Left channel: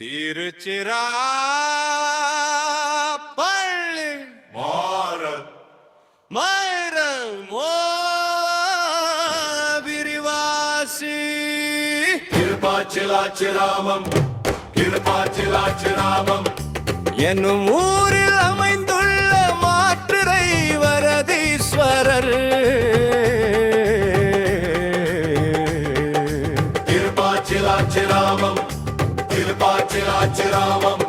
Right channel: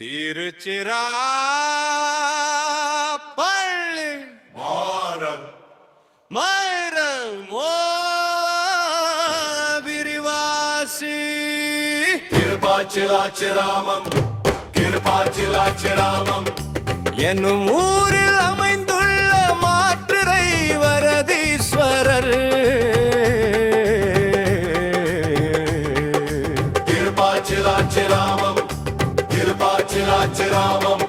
திருச்சிராப்பள்ளி விரிவாசி கிருபாச்சிலாச்சிராமம் என்னும் ஊரில் அமைந்துள்ள மாற்றுரை வரதீஸ்வரர் கிருபாச்சிலாச்சிராமம்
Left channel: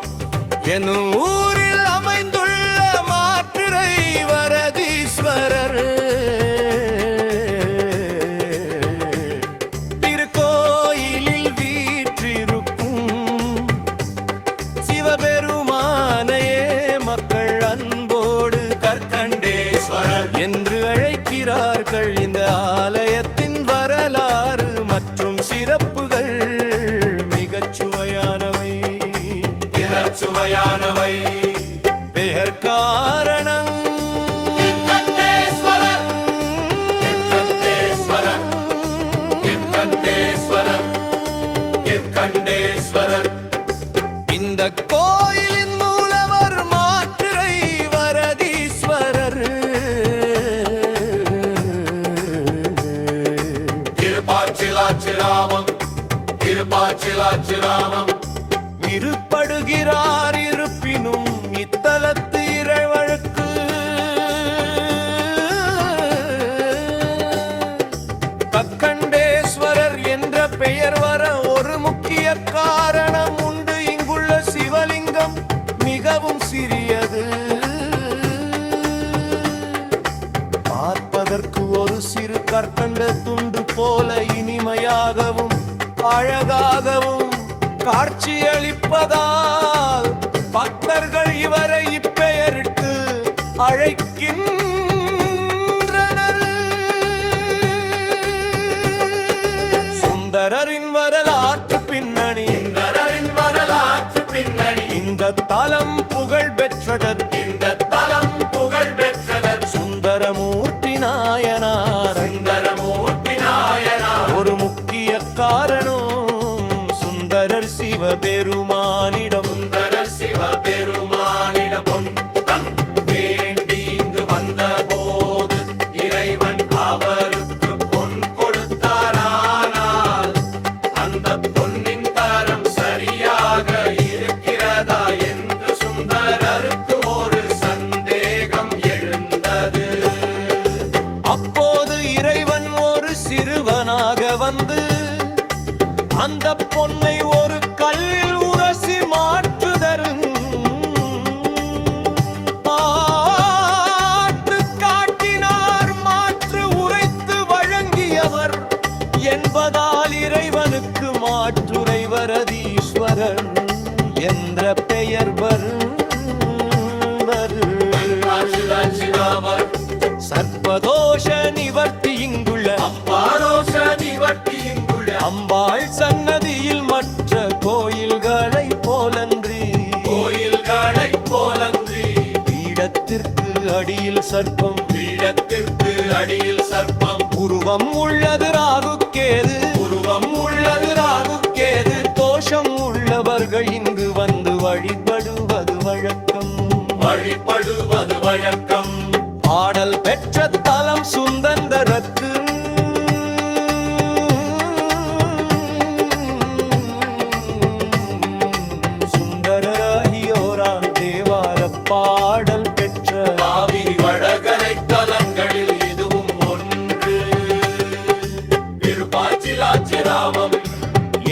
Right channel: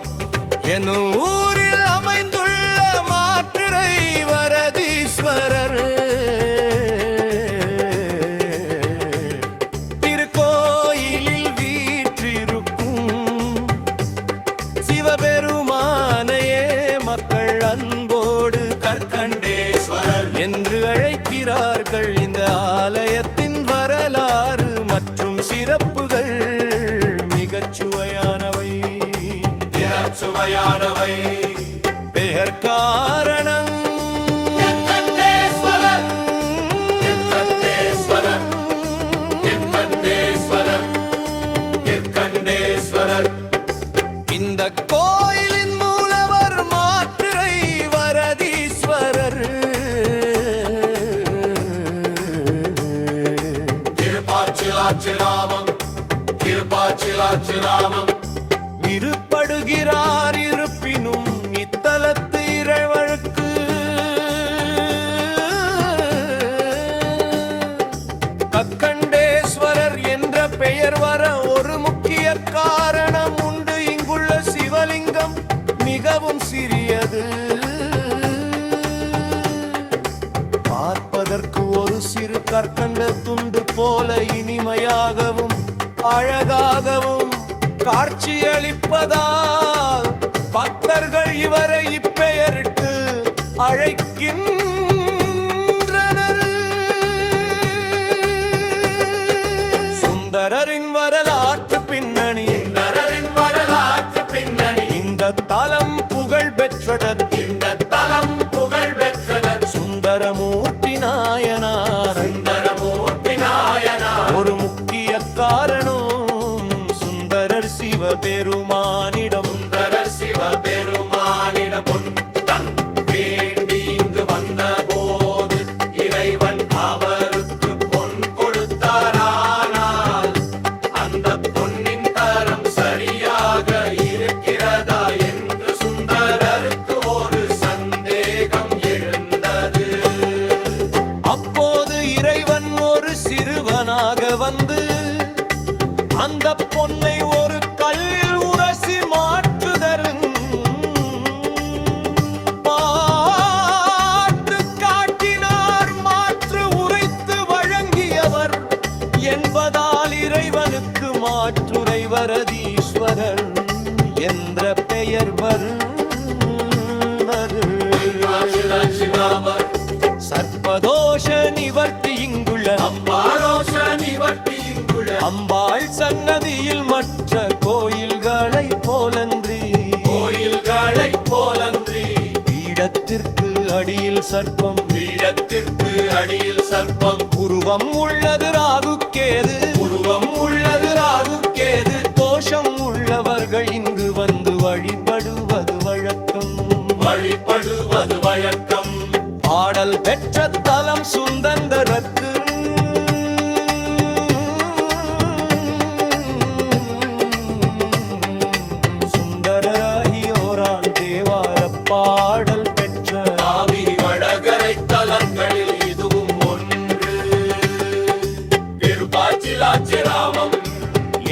என்னும் ஊரில் அமைந்துள்ள மாற்றுரை வரதீஸ்வரர் திருக்கோயிலில் வீற்றிருக்கும் சிவபெருமானையே மக்கள் அன்போடு கற்கண்டேஸ்வரர் என்று அழைக்கிறார்கள். இந்த ஆலயத்தின் வரலாறு மற்றும் சிறப்புகள் மிகச் சுவையானவை. பெயர் காரணம் இந்த கோயிலின் மூலவர் மாற்றுரை வரதீஸ்வரர். கிருபாச்சிலாச்சிராமம் இருப்படுகிறார். இருப்பினும் இத்தலத்து இறைவழுக்கு கக்கண்டேஸ்வரர் என்ற பெயர் வர ஒரு முக்கிய காரணம் உண்டு. இங்குள்ள சிவலிங்கம் மிகவும் சிறியது. பார்ப்பதற்கு ஒரு சிறு கற்கண்ட துண்டு போல இனிமையாகவும் அழகாகவும் காட்சியளிப்பதால் பக்தர்கள் இவரை இப்பெயரிட்டு அழைக்கின்றனர். சுந்தரரின் வரலாற்று பின்னணி இந்த தலம் புகழ் பெற்றதர். சுந்தரமூர்த்தி நாயனார் ஒரு முக்கிய காரணம் சுந்தரர் சிவபெருமானிடம் வேண்டி இங்கு வந்த போது இறைவன் அவருக்கு பொன் கொடுத்தாரானால் அந்த பொன்னின் தரம் சரியாக இருக்கிறதா என்று சுந்தரருக்கு ஒரு சந்தேகம் எழுந்தது. அப்போது இறைவன் ஒரு சிறுவனாக வந்து அந்த பொன்னை ஒரு கல்லில் உரசி மாற்றுதரும் மாற்று காட்டினார். மாற்று உரைத்து வழங்கியவர் என்பதால் இறைவனுக்கு மாற்றுரை வரதீஸ்வரர் என்ற பெயர் சர்ப்பதோஷ நிவர்த்தி இங்குள்ள அம்பாள் சன்னதியில் மற்ற கோயில்களை போலன்றி பீடத்திற்கு அடியில் சர்ப்பம் உருவம் உள்ளது ராகுக்கேது தோஷம் உள்ளவர்கள் இங்கு வந்து வழிபடுவது வழக்கம். பாடல் பெற்ற தலம் சுந்தரத்து சுந்தரராகியோரால் தேவார பாடல் பெற்ற காவிரி வடகரை தலங்களில் இதுவும் ஒன்று. திருப்பாச்சிலாச்சிராமம்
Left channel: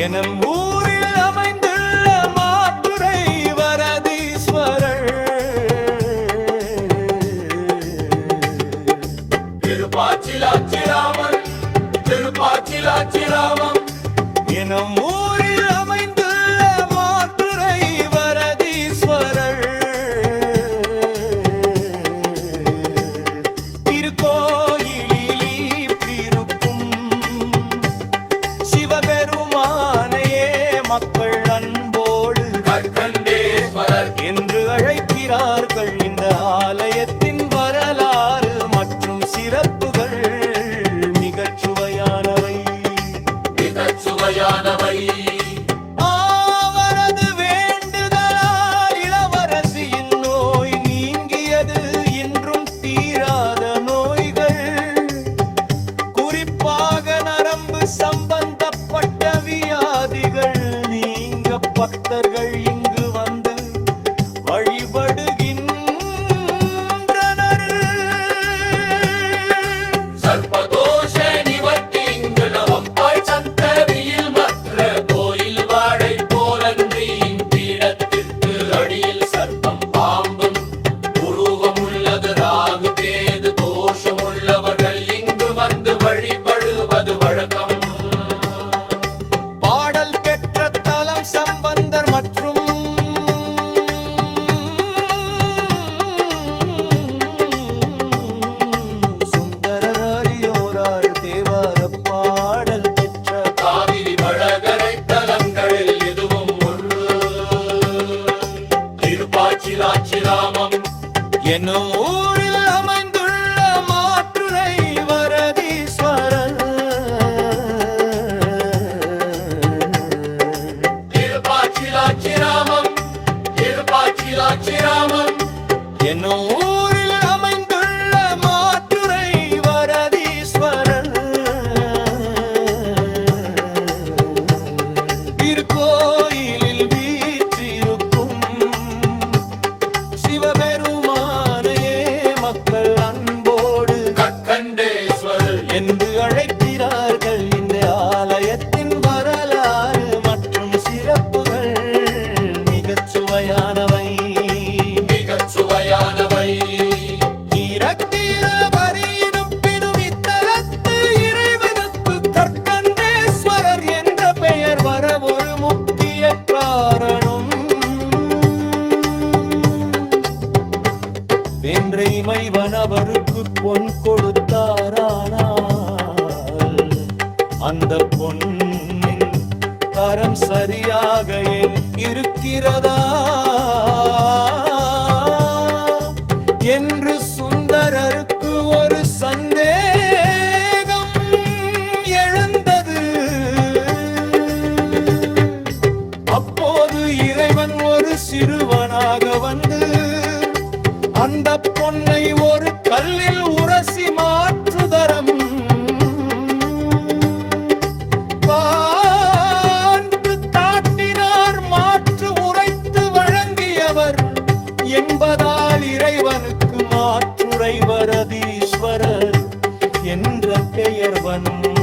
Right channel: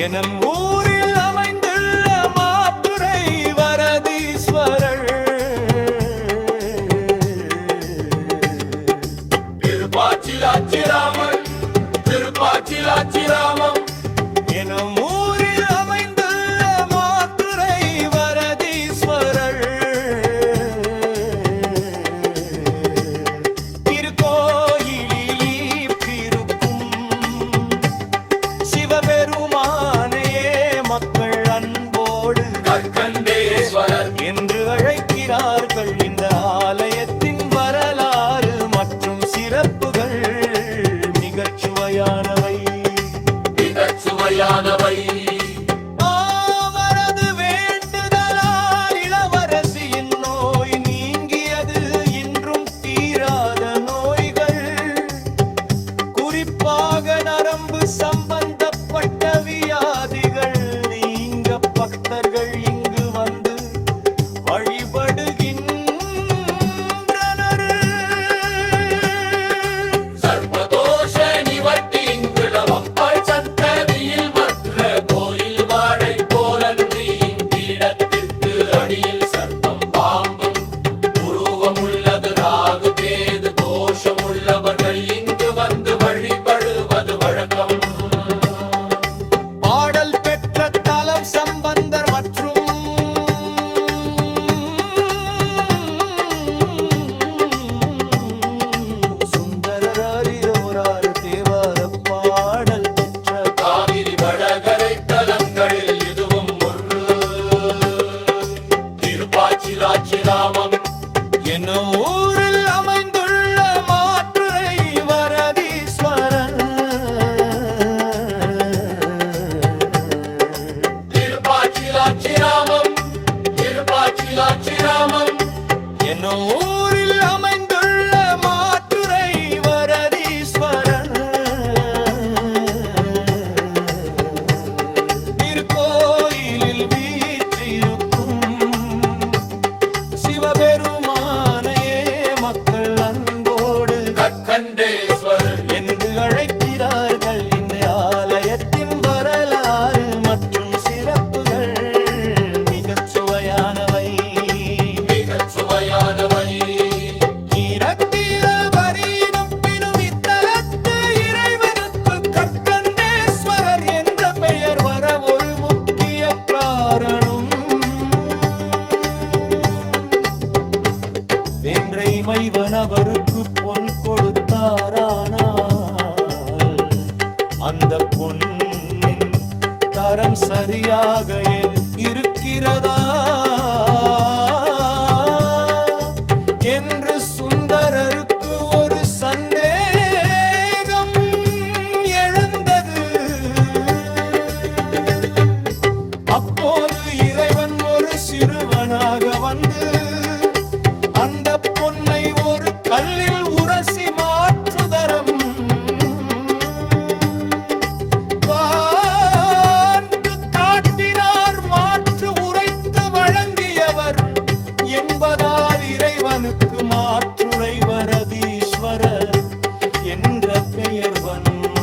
எனும் ஊரில் அமைந்துள்ள மாற்றுரை வரதீஸ்வரர். திருப்பாச்சிலாச்சிராமம் எனும் ஊரில் அமைந்துள்ள மாற்றுரை வரதீஸ்வரர். திருக்கோயிலில் இருக்கும் சிவபெருமானையே மக்கள் அன்போடு கற்கண்டேஸ்வரர் என்று அழைக்கிறார்கள். இந்த ஆலயத்தின் வரலாறு மற்றும் சிறப்புகள் மிகச் சுவையானவை. சுவையானவை அவரது பக்தர்கள் இங்கு வந்து வழிபடுகின்றனர். சர்ப்பதோஷ நிவர்த்தி இங்கு நவம்பாள் சந்ததியில் மற்ற கோயில் வாடை போலன்றியின் பீடத்திற்கு அடியில் சர்ப்பம் பாம்பும் உருவமுள்ளது. ராகு கேது தோஷமுள்ளவர்கள் இங்கு வந்து வழிபடுவது வழக்கம். பாடல் பெற்ற தலம் சம்பந்தர் மற்றும் சுந்தரர் அறியோரால் தேவார பாடல் பெற்ற காவிரி வடகரை தலங்களில் இதுவும் ஒன்று. திருப்பாச்சிராச்சிராமம் என்னும் ஊரில் அமைந்துள்ள மாற்றுரை வரதீஸ்வரன். திருப்பாச்சிராச்சிராமம் திருப்பாச்சிராச்சிராமம் என்னும் ஊரில் அமைந்துள்ள மாற்றுரை வரதீஸ்வரன். திருக்கோயிலில் வீற்றிருக்கும் சிவபெருமானையே மக்கள் அன்போடு கற்கண்டேஸ்வரர் என்று அழைக்கிறார்கள். இந்த ஆலயத்தின் வரலாறு மற்றும் சிறப்புகள் மிகச் சுவையானவை. மிகச் சுவையானவை. இரத்திரபரியினும் இத்தலத்து இறைவனுக்கு கற்கண்டேஸ்வரர் என்ற பெயர் வர ஒரு முக்கிய காரணம். வேன்றை மைவன் அவருக்கு பொன் கொடுத்தாரானால் அந்த பொன்னின் தரம் சரியாக இருக்கிறதா என்று சுந்தரருக்கு ஒரு சந்தேகம் எழுந்தது. அப்போது இறைவன் ஒரு சிறுவனாக வந்து அந்த பொன்னை ஒரு கல்லில் உரசி மாற்றுதரம் காட்டினார். மாற்று உரைத்து வழங்கியவர் என்பதால் இறைவனுக்கு மாற்றுரை வரதீஸ்வரர் என்ற பெயர் வந்தது.